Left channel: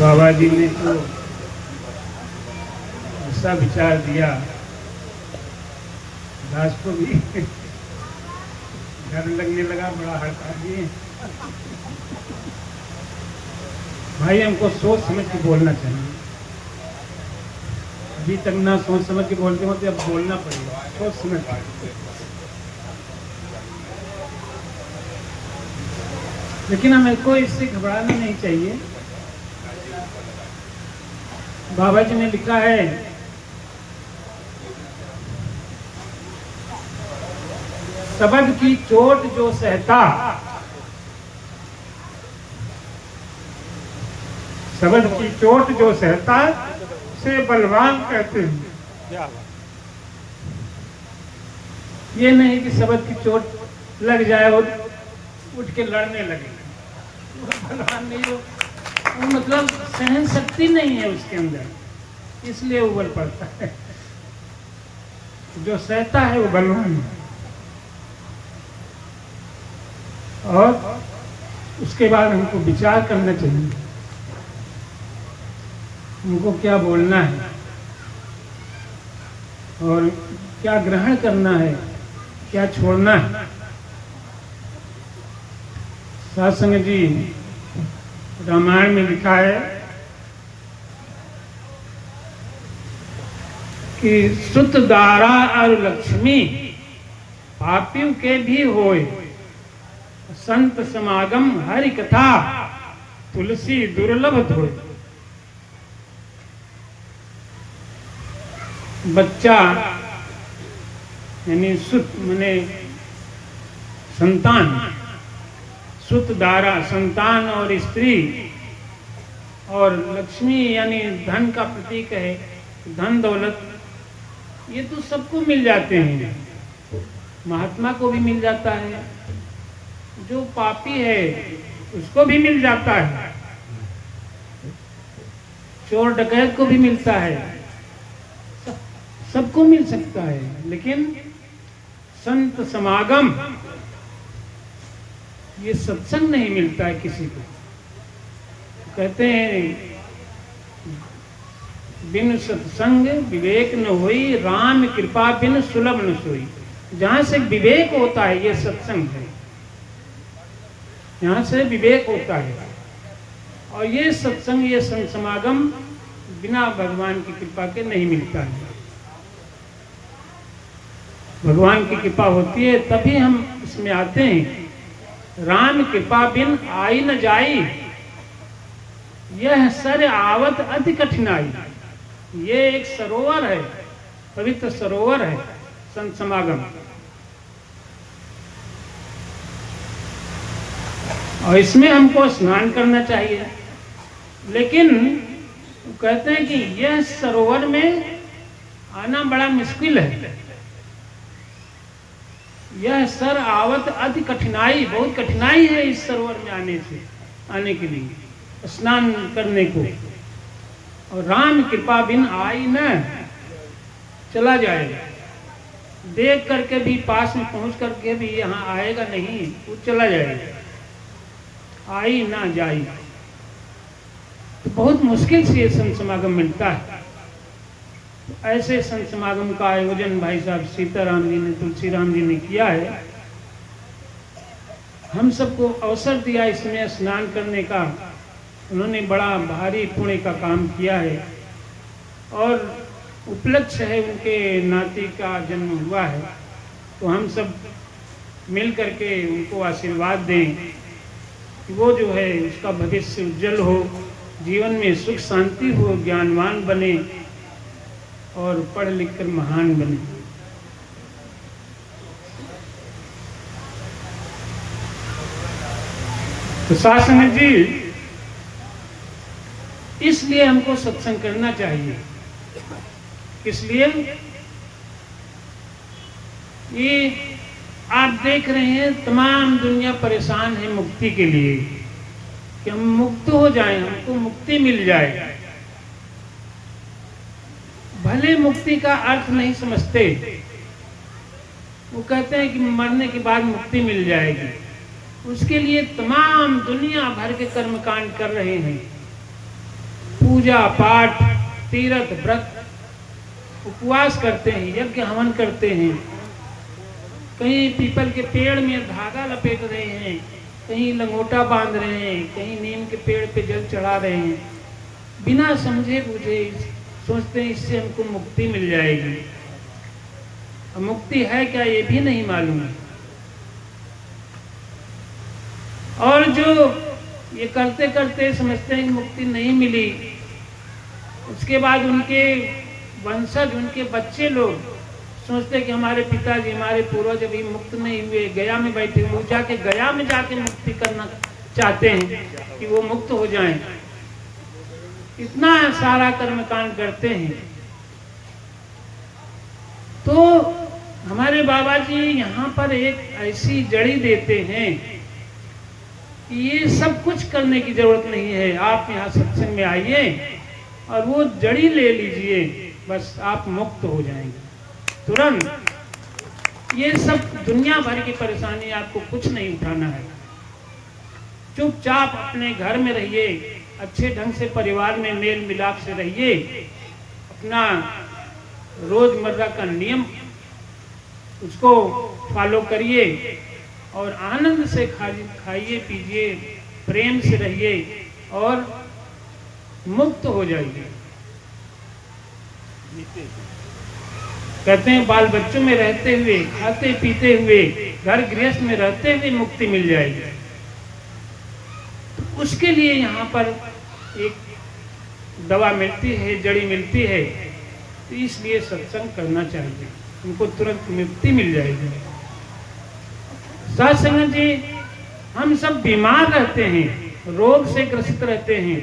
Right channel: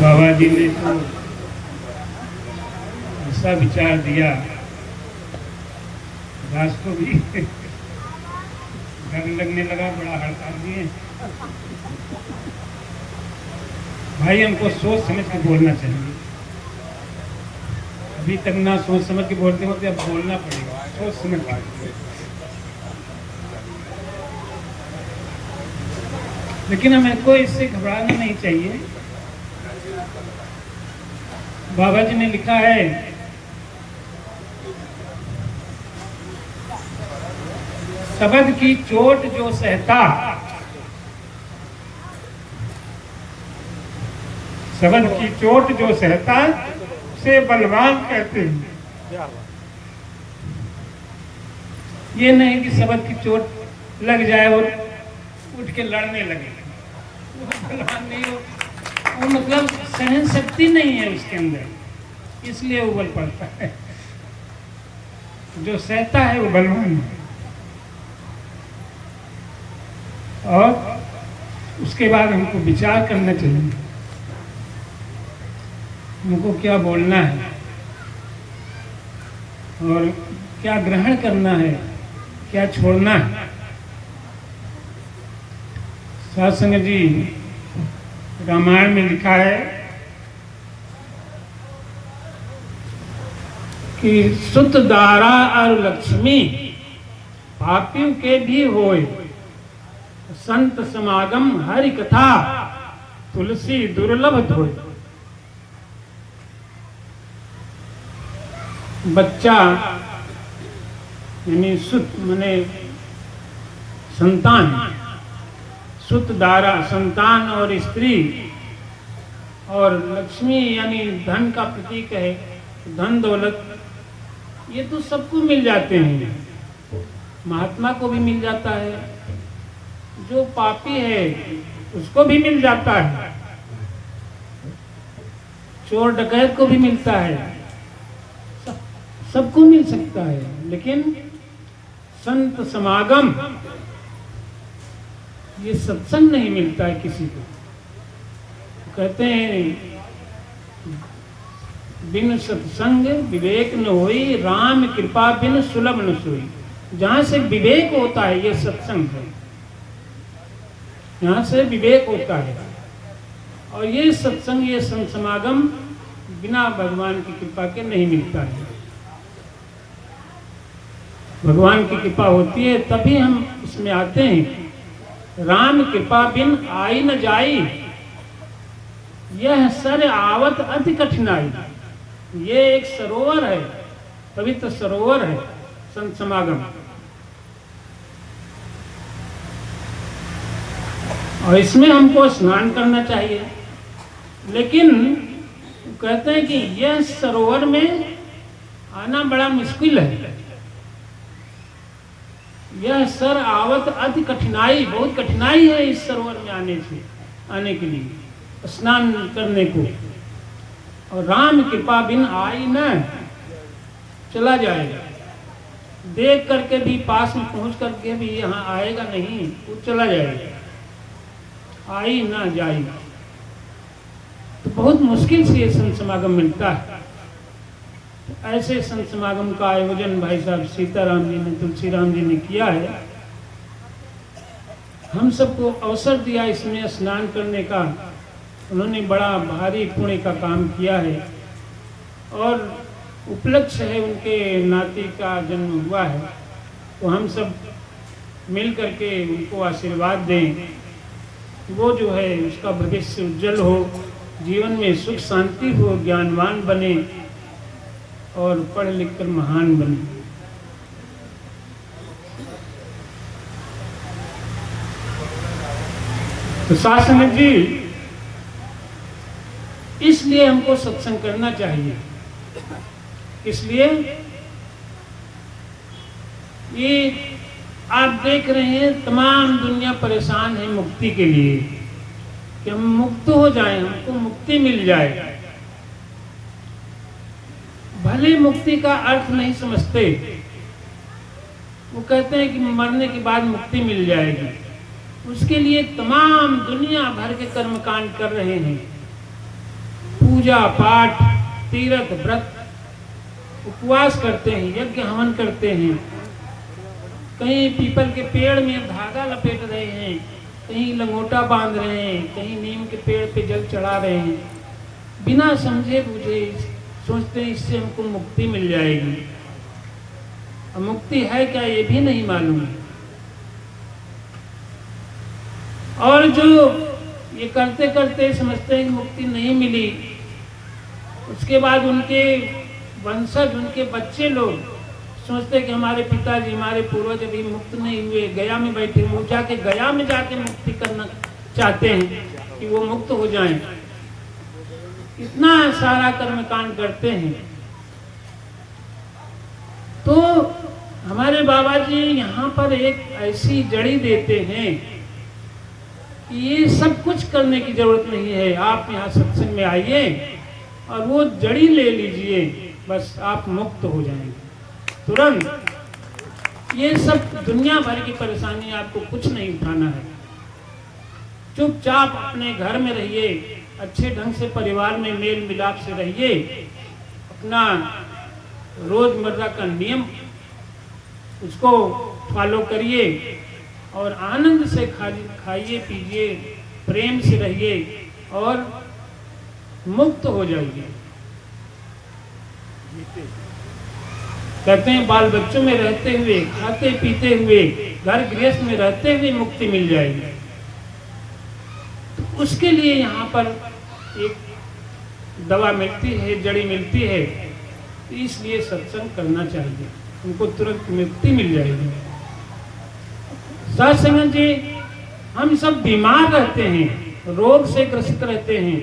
बाबा जी ने तो ऐसा विचार दिया, दास को भी डर लगने लगा, बड़ा हड़का दिए। भाई हमको सोच समझ के बोलना चाहिए। अभी तक ना सोच समझ के बोलते होते, अब बोलना पड़ेगा सोच समझ के। लेकिन हमें को इससे घबराना नहीं चाहिए। बाबा जी ने लिखा है, शब्द की चोट जो सहता, शब्द की चोट जो सहता से बलवान कहते हैं। ये नहीं कि शब्द की चोट लग जाए और उठ के लड़ने लगे, बलवान नहीं हो, मतलब सहन शक्ति नहीं है उसके अंदर, इसलिए उबल पड़ता है। जो सहता है वो बलवान है। और उसके बाद हमको विचार करना चाहिए, हमको क्या बोलना है और क्या ग्रहण करना है, क्या छोड़ना है। साधुसंग जी रामायण में लिखा है कि सुत दारा और लक्ष्मी पापियों के भी होए, संत समागम हरि कथा तुलसी दुर्लभ धोए। बच्चा यानी सुत माने संतान, सुत दारा संतान और स्त्री, और लक्ष्मी यानी धन का प्रतीक है, धन दौलत, ये तो सबको मिल जाते हैं। महात्मा को भी मिल जाता है, जो पापी है उसको भी मिल जाता है, चोर डकैत को भी मिलता है, सबको मिल सकता है। लेकिन संत समागम, ये सत्संग नहीं मिलता है किसी को। कहते हैं बिन सत्संग विवेक न होई, राम कृपा बिन सुलभ न सोई। जहां से विवेक होता है ये सत्संग है, यहाँ से विवेक होता है। और ये सत्संग, ये संत समागम बिना भगवान की कृपा के नहीं मिलता है। भगवान की कृपा होती है तभी हम इसमें आते हैं। राम कृपा बिन आई न जाई, यह सर आवत अति कठिनाई। ये एक सरोवर है, पवित्र सरोवर है संत समागम। और इसमें हमको स्नान करना चाहिए। लेकिन कहते हैं कि यह सरोवर में आना बड़ा मुश्किल है। यह सर आवत अति कठिनाई, बहुत कठिनाई है इस सरोवर में आने के लिए, स्नान करने को। और राम कृपा बिन आई न, चला जाएगा। देख करके भी, पास में पहुंच करके भी यहाँ आएगा नहीं, वो चला जाएगा, आई ना जाई। तो बहुत मुश्किल से ये संत समागम मिलता है। ऐसे संत समागम का आयोजन भाई साहब सीताराम जी ने, तुलसीराम जी ने किया है। हम सबको अवसर दिया इसमें स्नान करने का। उन्होंने बड़ा भारी पुण्य का काम किया है और उपलक्ष्य है, उनके नाती का जन्म हुआ है। तो हम सब मिल करके उनको आशीर्वाद दें कि वो जो है उसका भविष्य उज्जवल हो, जीवन में सुख शांति हो, ज्ञानवान बने और पढ़ लिख कर महान बने। तो शासन जी, इसलिए हमको सत्संग करना चाहिए। इसलिए ये आप देख रहे हैं तमाम दुनिया परेशान है मुक्ति के लिए, कि हम मुक्त हो जाएं, हमको मुक्ति मिल जाए। भले मुक्ति का अर्थ नहीं समझते, वो कहते हैं कि मरने के बाद मुक्ति मिल जाएगी। उसके लिए तमाम दुनिया भर के कर्मकांड कर रहे हैं, पूजा पाठ, तीर्थ व्रत, उपवास करते हैं, यज्ञ हवन करते हैं, कहीं पीपल के पेड़ में धागा लपेट रहे हैं, कहीं लंगोटा बांध रहे हैं, कहीं नीम के पेड़ पे जल चढ़ा रहे हैं, बिना समझे बुझे सोचते हैं इससे हमको मुक्ति मिल जाएगी। और मुक्ति है क्या ये भी नहीं मालूम है। और जो ये करते करते समझते हैं कि मुक्ति नहीं मिली, उसके बाद उनके वंशज, उनके बच्चे लोग सोचते हैं कि हमारे पिताजी, हमारे पूर्वज अभी मुक्त नहीं हुए, गया में बैठे, वो जाके गया में जाके मुक्ति करना चाहते हैं कि वो मुक्त हो जाएं। इतना सारा कर्मकांड करते हैं। तो हमारे बाबा जी यहाँ पर एक ऐसी जड़ी देते हैं कि ये सब कुछ करने की जरूरत नहीं है, आप यहाँ सत्संग में आइए और वो जड़ी ले लीजिए, बस आप मुक्त हो जाएंगे तुरंत। ये सब दुनिया भर की परेशानी, आपको कुछ नहीं उठाना है। चुपचाप अपने घर में रहिए, अच्छे ढंग से परिवार में मेल मिलाप से रहिए, अपना रोजमर्रा का नियम उसको फॉलो करिए और आनंद से खाइए पीजिए, प्रेम से रहिए और मुक्त हो जाइए। कहते हैं बाल बच्चों में रहते हुए, खाते पीते हुए, घर गृहस्थ में रहते हुए मुक्ति मिल जाएगी। तो उसके लिए यहाँ पर एक दवा मिलती है, जड़ी मिलती है, तो इसलिए सत्संग करना चाहिए, उनको तुरंत मुक्ति मिल जाएगी। सत्संग जी, हम सब बीमार रहते हैं, रोग से ग्रसित रहते हैं,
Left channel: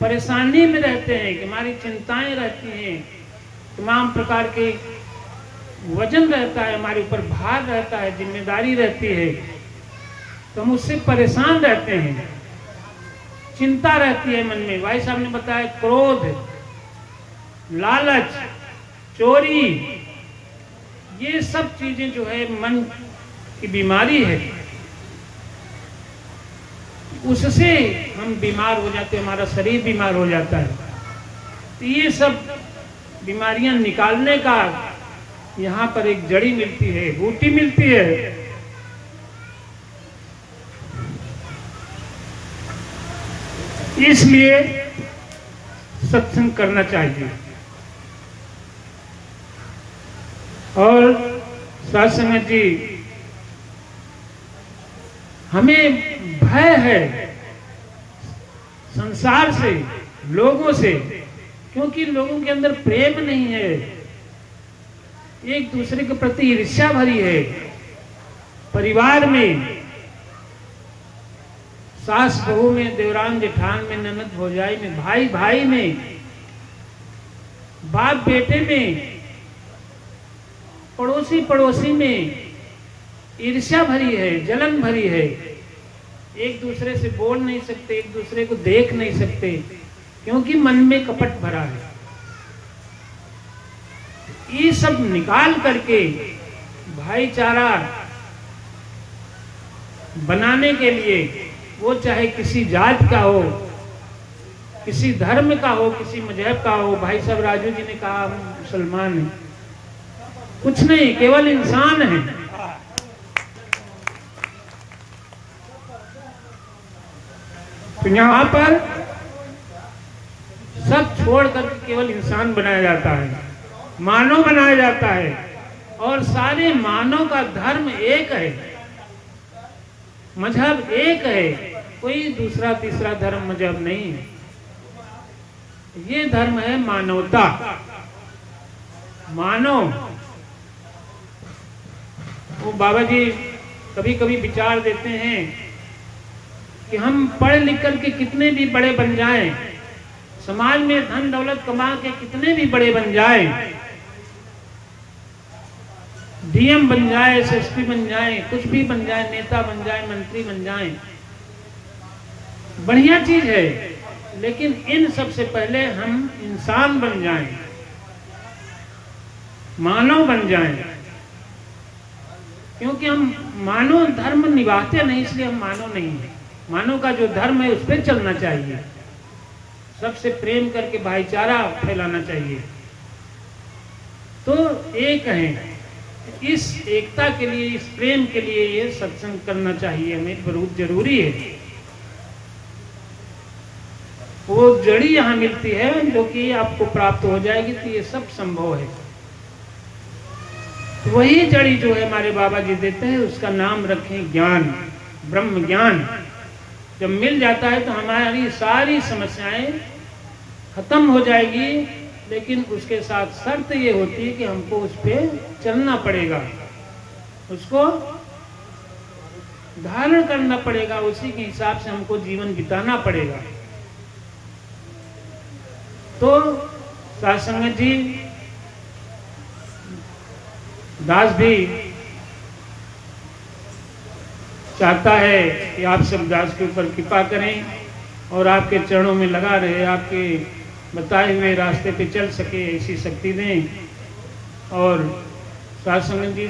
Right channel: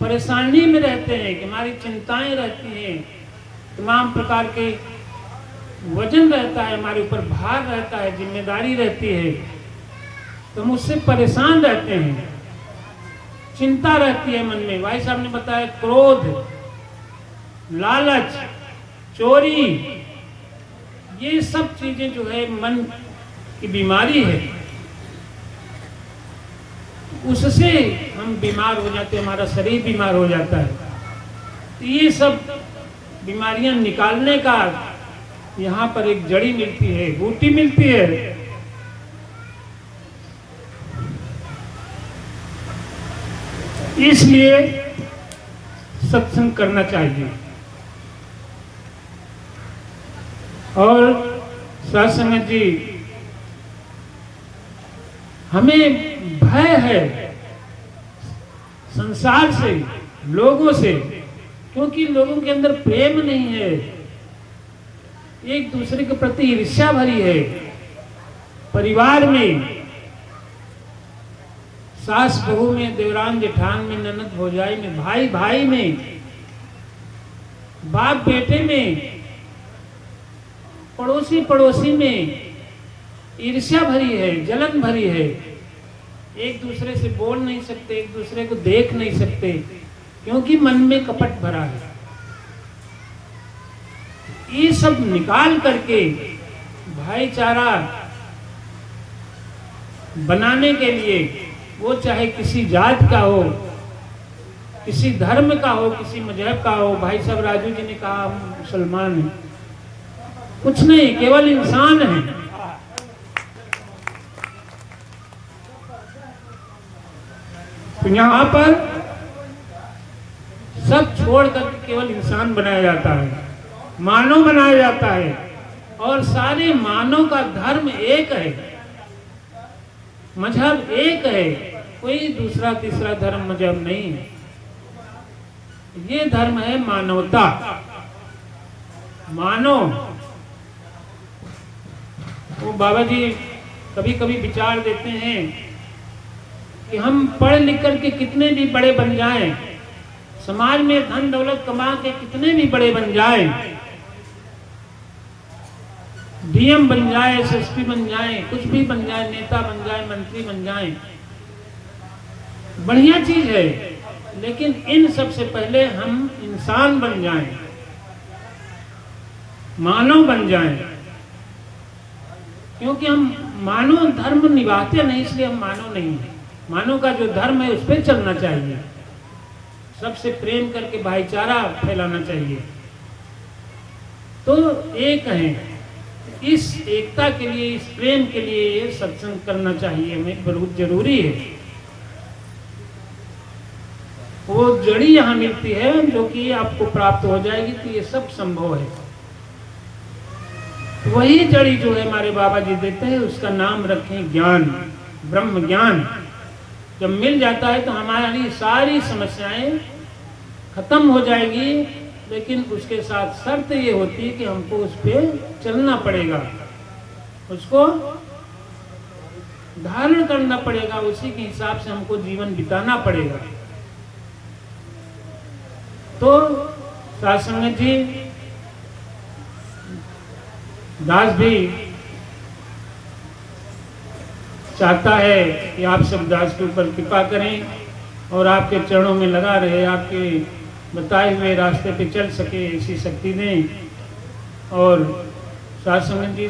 परेशानी में रहते हैं, कि हमारी चिंताएं रहती हैं, तमाम प्रकार के वजन रहता है, हमारे ऊपर भार रहता है, जिम्मेदारी रहती है, तो हम उससे परेशान रहते हैं, चिंता रहती है मन में। भाई साहब ने बताया क्रोध, लालच, चोरी, ये सब चीजें जो है मन की बीमारी है, उससे हम बीमार हो जाते हैं, हमारा शरीर बीमार हो जाता है। तो ये सब बीमारियां निकालने का यहाँ पर एक जड़ी मिलती है, बूटी मिलती है। इसलिए सत्संग करना चाहिए। और सत्संग जी, हमें भय है संसार से, लोगों से, क्योंकि लोगों के अंदर प्रेम नहीं है, एक दूसरे के प्रति ईर्ष्या भरी है। परिवार में सास बहू में, देवरान जेठान में, ननद भौजाई में, भाई भाई में, बाप बेटे में, पड़ोसी पड़ोसी में ईर्ष्या भरी है, जलन भरी है। एक दूसरे से बोल नहीं सकते, एक दूसरे को देख नहीं सकते, क्योंकि मन में कपट भरा है। ये सब निकाल करके भाईचारा बनाने के लिए, वो चाहे किसी जात का हो, किसी धर्म का हो, किसी मजहब का हो। भाई साहब राजू जी ने कहा हम मुसलमान हैं, कुछ नहीं, केवल इंसान है। तो यहाँ पर सब छोड़ करके केवल इंसान बनाया जाता है, मानव बनाया जाता है, और सारे मानव का धर्म एक है, मजहब एक है, कोई दूसरा तीसरा धर्म मजहब नहीं है। ये धर्म है मानवता, मानव। वो बाबा जी कभी कभी विचार देते हैं कि हम पढ़ लिख करके कितने भी बड़े बन जाएं, समाज में धन दौलत कमा के कितने भी बड़े बन जाएं, डीएम बन जाए, एसएसपी बन जाए, कुछ भी बन जाए, नेता बन जाए, मंत्री बन जाए, बढ़िया चीज है, लेकिन इन सबसे पहले हम इंसान बन जाएं, मानव बन जाएं। क्योंकि हम मानव धर्म निभाते नहीं, इसलिए हम मानव नहीं है। मानव का जो धर्म है उस पर चलना चाहिए। सबसे प्रेम करके भाईचारा फैलाना चाहिए। तो एक है, इस एकता के लिए, इस प्रेम के लिए ये सत्संग करना चाहिए, हमें बहुत जरूरी है। वो जड़ी यहाँ मिलती है जो कि आपको प्राप्त हो जाएगी, तो ये सब संभव है। वही जड़ी जो है हमारे बाबा जी देते हैं, उसका नाम रखें ज्ञान, ब्रह्म ज्ञान। जब मिल जाता है तो हमारी सारी समस्याएं खत्म हो जाएगी, लेकिन उसके साथ शर्त ये होती है कि हमको उस पर चलना पड़ेगा, उसको धारण करना पड़ेगा, उसी के हिसाब से हमको जीवन बिताना पड़ेगा। तो साध संगत जी, दास भी चाहता है कि आप सब दास के ऊपर कृपा करें और आपके चरणों में लगा रहे, आपके बताए हुए रास्ते पे चल सके, ऐसी शक्ति दें। और साध संगत जी,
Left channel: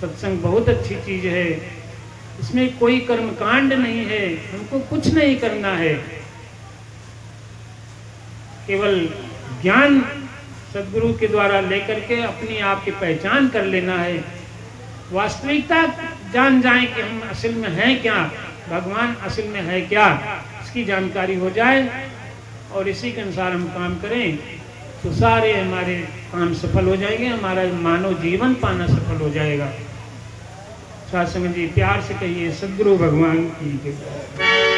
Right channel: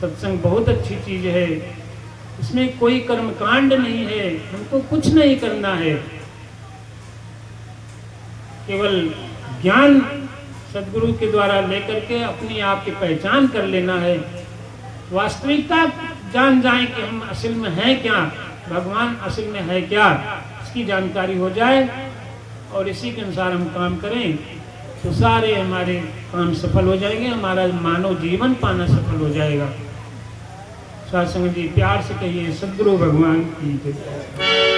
सत्संग बहुत अच्छी चीज है, इसमें कोई कर्मकांड नहीं है, हमको कुछ नहीं करना है, केवल ज्ञान सदगुरु के द्वारा लेकर के अपनी आप की पहचान कर लेना है, वास्तविकता जान जाए कि हम असल में हैं क्या, भगवान असल में है क्या, इसकी जानकारी हो जाए और इसी के अनुसार हम काम करें तो सारे हमारे काम सफल हो जाएंगे, हमारा मानव जीवन पाना सफल हो जाएगा। साध संगत जी, प्यार से कहिए सदगुरु भगवान की जय।